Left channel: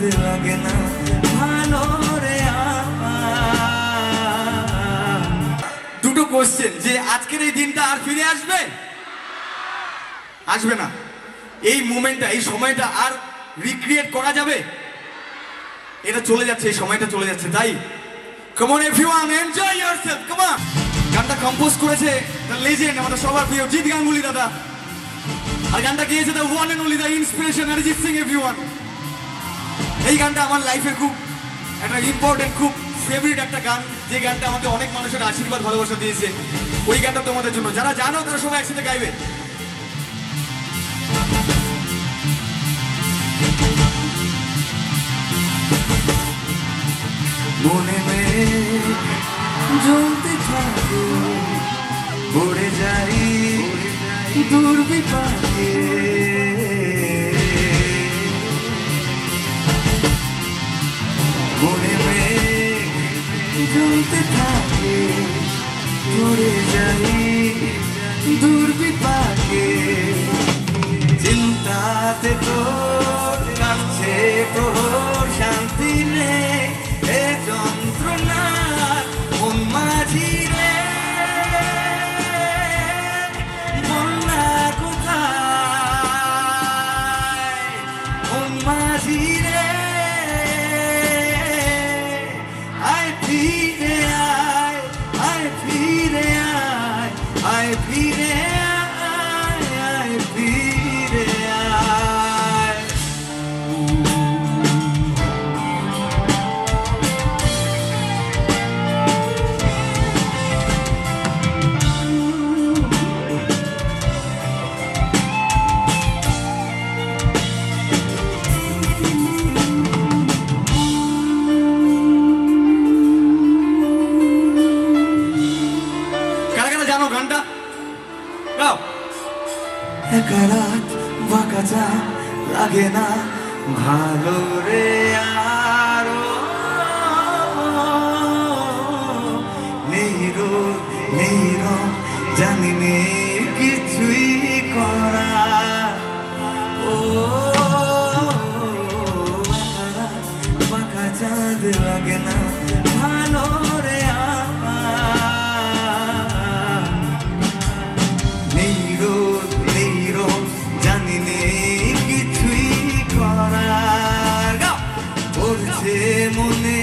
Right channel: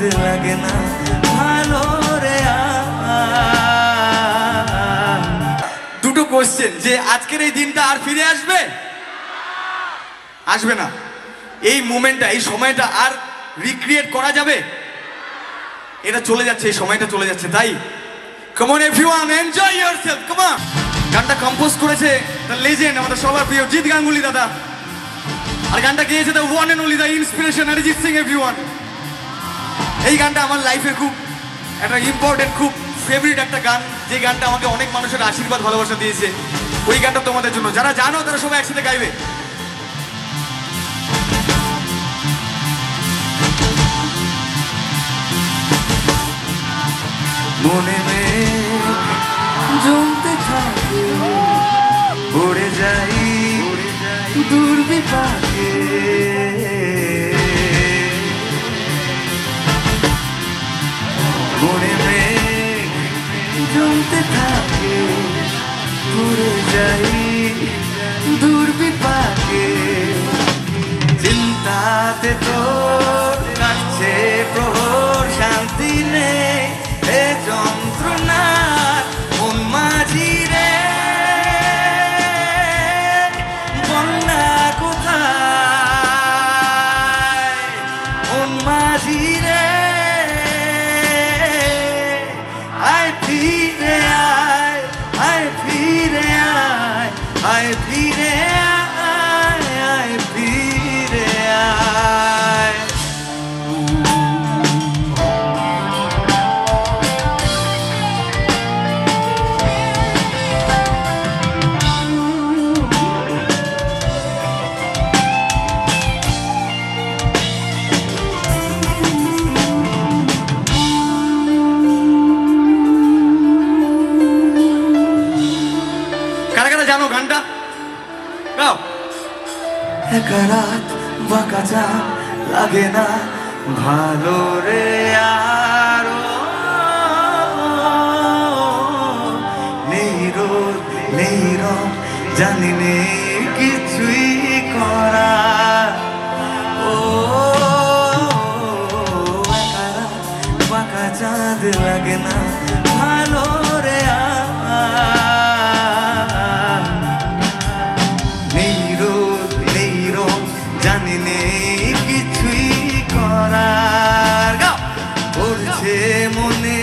চাঁদ লাগে না ভালো রে দুটো কোশ্চেন, যে আজকের এই দিনটা আর ফিরে আসবে? আসবে না। এই মোমেন্টটা, এই সময়টা আর রিক্রিয়েট করা যাবে? এটা চলে যাচ্ছে, এই সময়টা চলে যাচ্ছে। তাই come on everyone, enjoy yourself, come on. গানটা কম্পোজ করেছে দ্য লেজেন্ড, আমাদের সবার প্রিয় জিৎ গাঙ্গুলি দাদা, আর গানটা গেয়েছে the one and only the inspiration Arijit Singh everyone. এই গানটা আমার লাইফের খুব একটা ইম্পর্টেন্ট, খুব ফেভারিট একটা গান, যে গানটা আমাকে অনেক মানুষের আশীর্বাদ ভালোবাসা দিয়েছে। ওই গানটা তোমাদের জন্য, যারা জানো তারা সবাই একসাথে গাইবে। মনে জমতে থাকে পড়ে যাই দূর বিপাকে মনে জমতে থাকে পড়ে যাই দূর বিপাকে চিন্তাতে তো কাটছে প্রহর শান্তি নেই এ যন্ত্রণার মন মাঝি রে বন্যা কোথায় মন মাঝি রে আয় ফিরে আয় আয় ফিরে আয় আয় ফিরে আয় আয় ফিরে আয় জানো গানটা? গাও। একা রাত বাঁকা যা লাগে না ভালো রে আর নেই রোদ নেই রং জানি নে কিছুই করা ও একা রাত বাঁকা চাঁদ লাগে না ভালো রে জানি নেই কিছুই করার পড়ছে মনে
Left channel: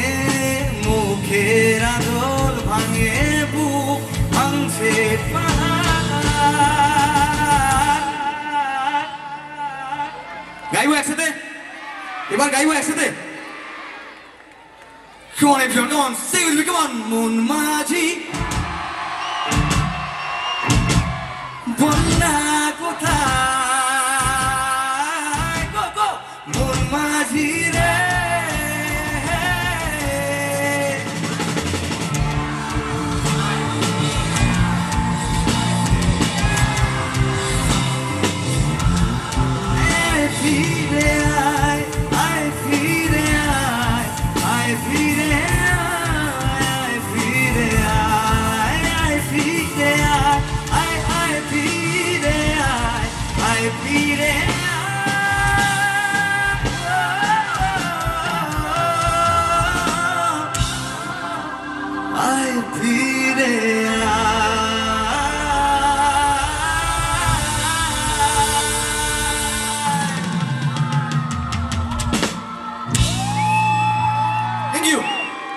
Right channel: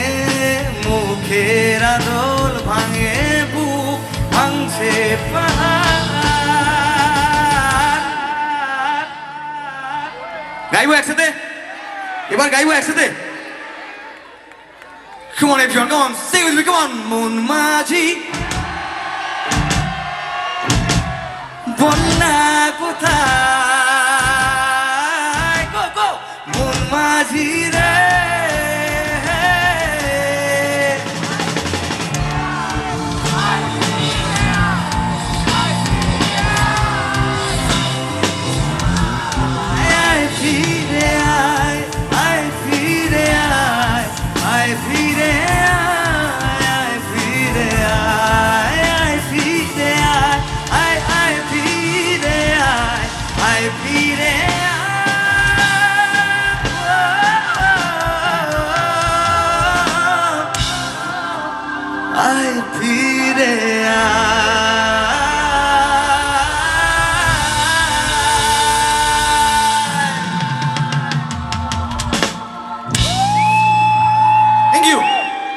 মুখের আদল ভাঙে বুক ভাঙছে গাইবো একসাথে, এবার গাইবো একসাথে। Come on everyone, come on, sing with me, come on. মন মাঝি বন্যা কোথায় গো গো মন মাঝি